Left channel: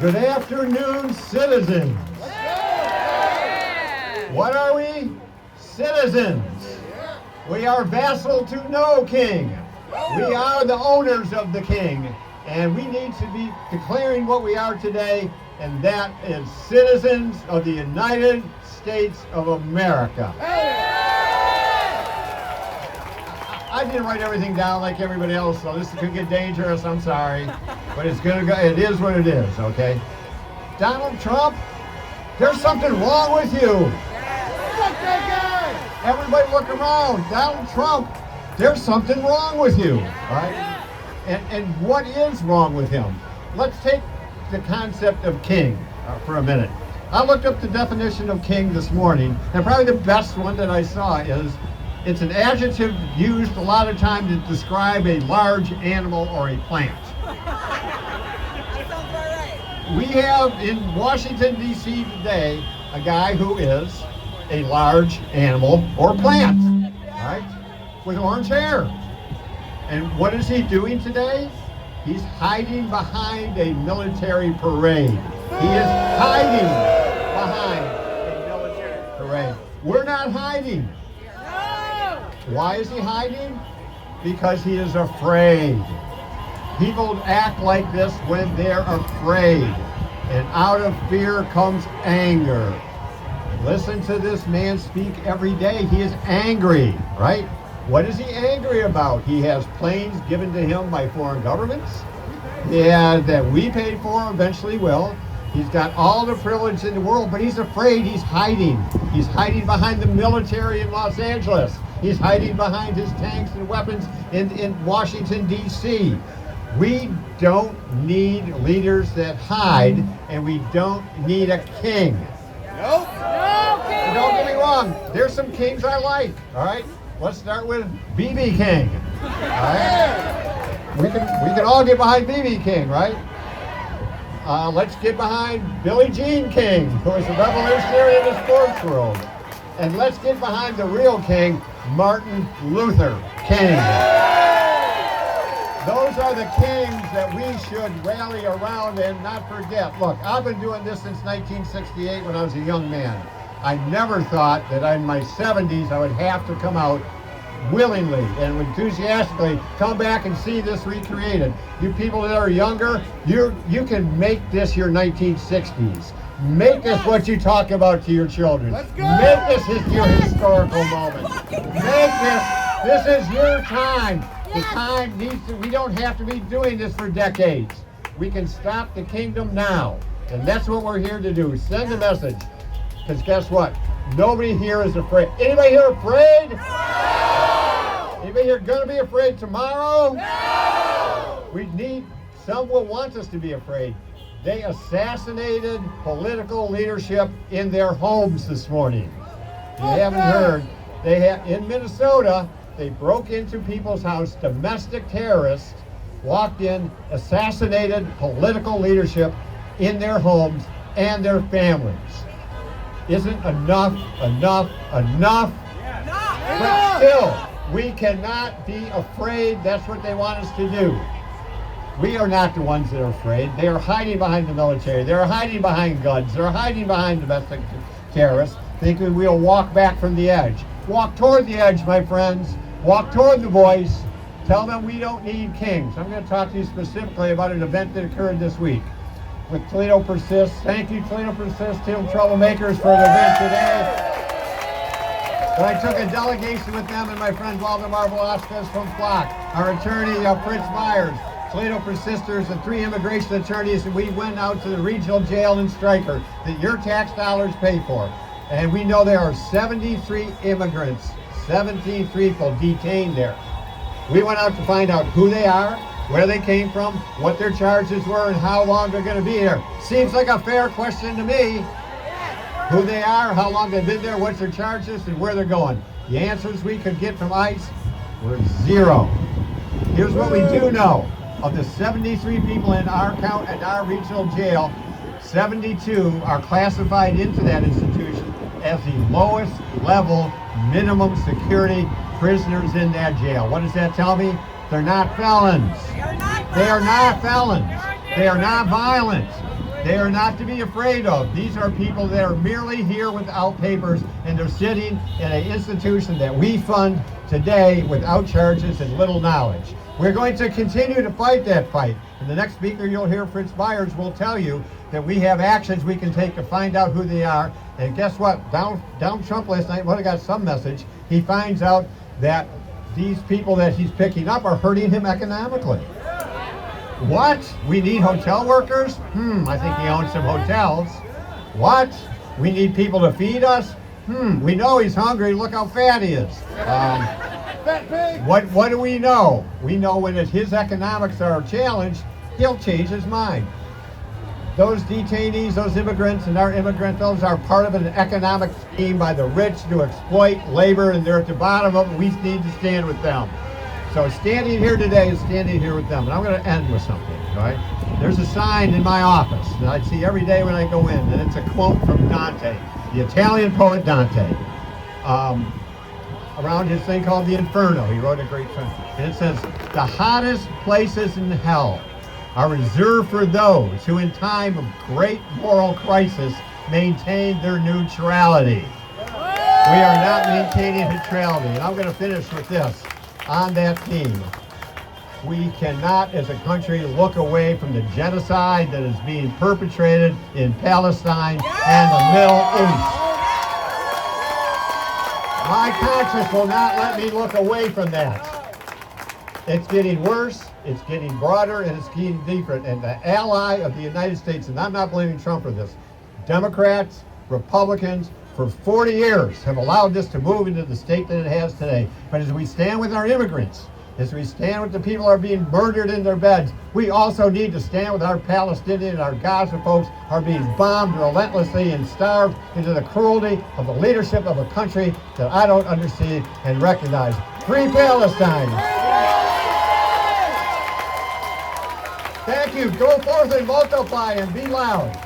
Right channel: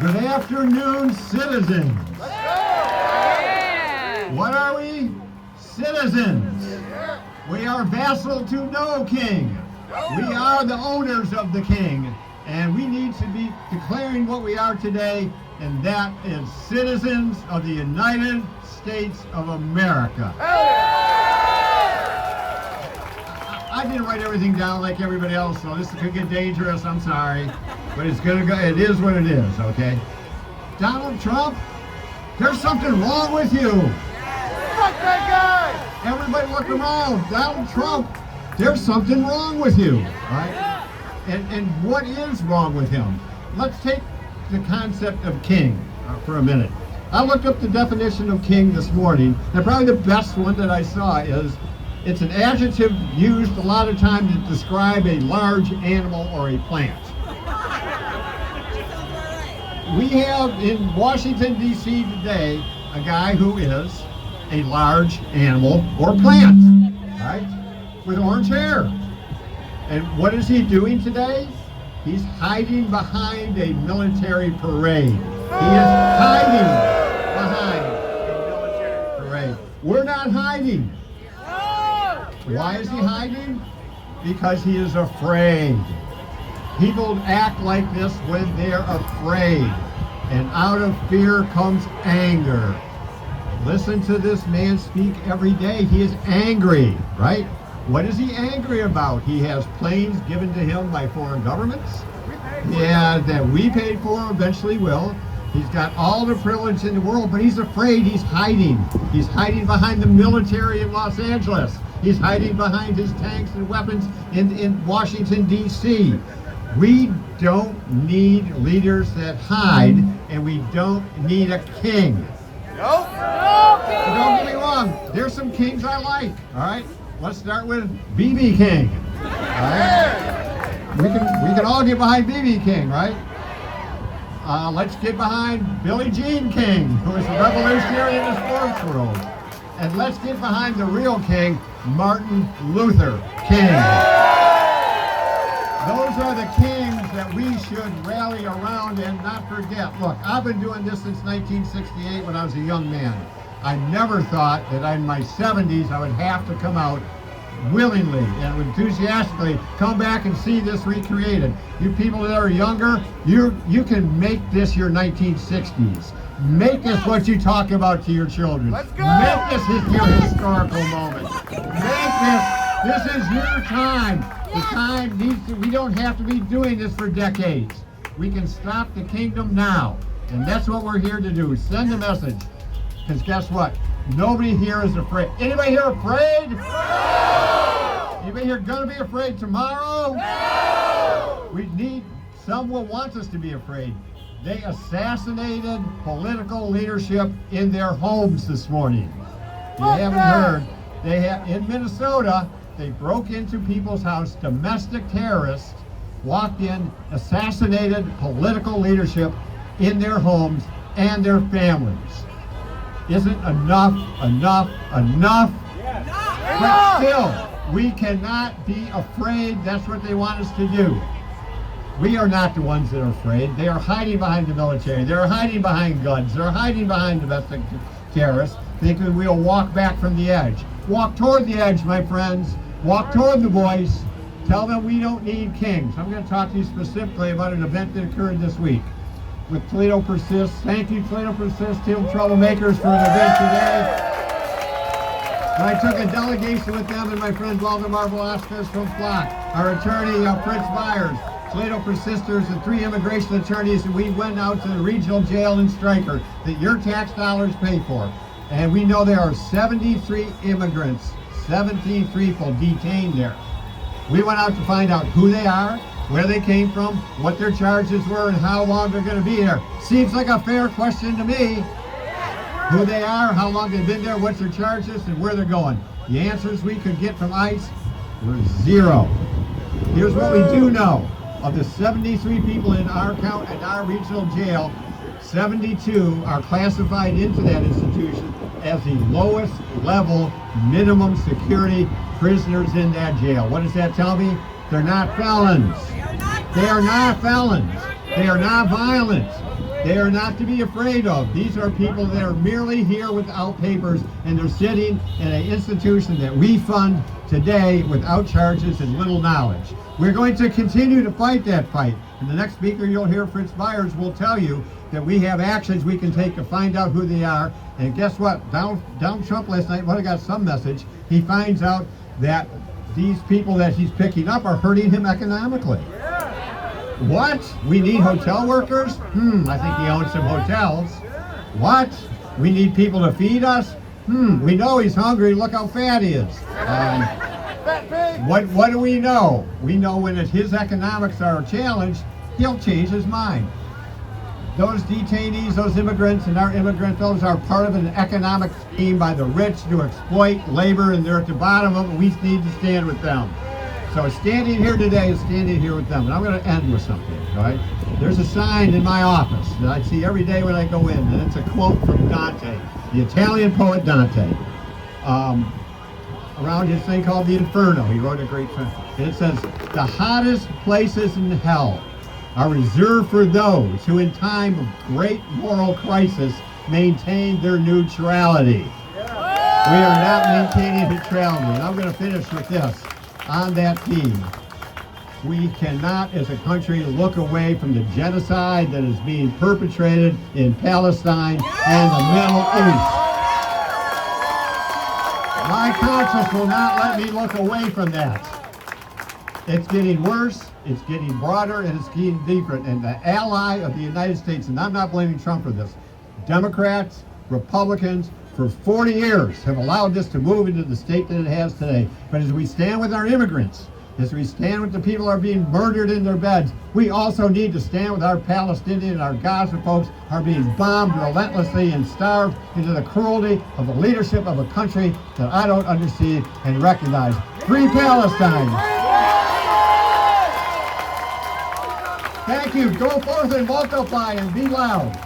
Good afternoon, citizens. What are we? Citizens. We are vassal to no king. We are the owners of the king, and we need to be declaring what we are today, and that is citizens of the United States of America. I didn't write everything down like everybody else, so this could get dangerous. I'm sorry, but it's gonna go. It is what it is. Okay. Donald Trump, there's something wrong with you. Everybody look around. Donald Trump, there's something wrong with you. All right. And what is wrong with him? Let's take the concept of king for a minute. I looked up the definition of king this morning, and probably the best one that I saw is it's an adjective used a lot of times to describe a large animal or a plant. We have in Washington, D.C. today a guy who is a large animal or plant, right, with orange hair. And what is he doing today? He's hiding behind a military parade. He is hiding behind a military parade. We're not hiding. Why is he hiding? Because he is afraid. People act like this when they're afraid. And out of fear comes anger. Listen to this man speak every day. He is angry, right? What is he angry about? He has planes given to him by foreign governments. Yeah, that we paid for, eventually will. He's got all the privilege in the world, but he's afraid. He's hiding. He's hiding behind the military in Los Angeles. He's hiding behind his tanks and weapons in Washington, D.C. We don't need leaders that hide, and we don't need a king. Nope. And don't get me wrong, there's some kings I like, all right? Let's start with B.B. King, all right? We can all get behind B.B. King, right? Let's get behind Billie Jean King, who is a revolutionary in the sports world. And let's get behind the real king, Martin Luther King. Those are the kings that we should rally around and not forget. Look, I've been doing this since 1968 when I was a young man. I never thought that in my 70s I would have to come out willingly and enthusiastically come back and see this recreated. You people that are younger, you can make this your 1960s. Make this what you talk about to your children. Make this your historical moment. Make this is your time. The time needs to, we don't have to be doing this for decades. We can stop the kingdom now. And that's what we're here to do. Send a message. Because guess what? Nobody here is afraid. Anybody here afraid? No! Anybody here gonna be afraid tomorrow? No! We need, some will want us to be afraid. They assassinated political leadership in their homes this morning. You haven't heard. They have in Minnesota, they broke into people's house, domestic terrorists walked in, assassinated political leadership in their homes and their families. Isn't enough? But still, we cannot be afraid. That's what they want us to do. We are not the ones that are afraid. They are hiding behind the military. They are hiding behind guns. They're hiding behind domestic terrorists, thinking we'll walk back from the edge. Walk toward the edge, my friends. Walk toward the voice. Tell them we don't need kings. I'm going to talk to you specifically about an event that occurred this week with Toledo Persists. Thank you, Toledo Persists, Team Troublemakers, for the event today. But I took a delegation with them and my friend Waldemar Velasquez from Flock, our attorney Fritz Myers, Toledo Persisters, and 3 immigration attorneys, and we went out to the regional jail in Stryker that your tax dollars pay for. And we know there are 73 immigrants, 17 people detained there. We went out to find out who they are, where they came from, what their charges were, and how long they're going to be there. Seems like a fair question to me. Who they are, how long they've been there, what's their charges, and where they're going. The answers we could get from ICE were 0. Here's what we do know. Of the 73 people in our count and our regional jail, 72 are classified into that institution as the lowest level minimum security prisoners in that jail. What does that tell me? They're not felons. They are not felons. They are not violent. They are not to be afraid of. These are people that are merely here without papers, and they're sitting in an institution that we fund today without charges and little knowledge. We're going to continue to fight that fight. And the next speaker you'll hear, Fritz Byers, will tell you that we have actions we can take to find out who they are. And guess what? Donald Trump last night, I got some message. He finds out that these people that he's picking up are hurting him economically. What? We need hotel workers? I think he owns some hotels. What? We need people to feed us? We know he's hungry. Look how fat he is. What do we know? We know when his economics are challenged, he'll change his mind. Those detainees, those immigrants, and our immigrant fellows are part of an economic scheme by the rich to exploit labor, and they're at the bottom of it. We need to stand with them. So standing here today is standing here with them. And I'm going to end with something, all right? There's a sign in my office that I see every day when I go in, and it's a quote from Dante, the Italian poet Dante, around his thing called the Inferno. He wrote a great thing. And it says, "The hottest places in hell are reserved for those who in time of great moral crisis maintain their neutrality." We are not maintaining neutrality. And I'm going to finish with this. On that theme, we cannot as a country look away from the genocide that is being perpetrated in Palestine and the Middle East. My conscience will not let me look away from that. It's getting worse, it's getting broader, and it's getting deeper. And the ally of the United States, and I'm not blaming Trump for this, Democrats, Republicans, for 40 years have allowed this to move into the state that it has today. But as we stand with our immigrants, as we stand with the people who are being murdered in their beds, we also need to stand with our Palestinian and our Gaza folks who are being bombed relentlessly and starved into the cruelty of the leadership of a country that I don't understand and recognize. Free Palestine! Thank you. Go forth and multiply and be loud.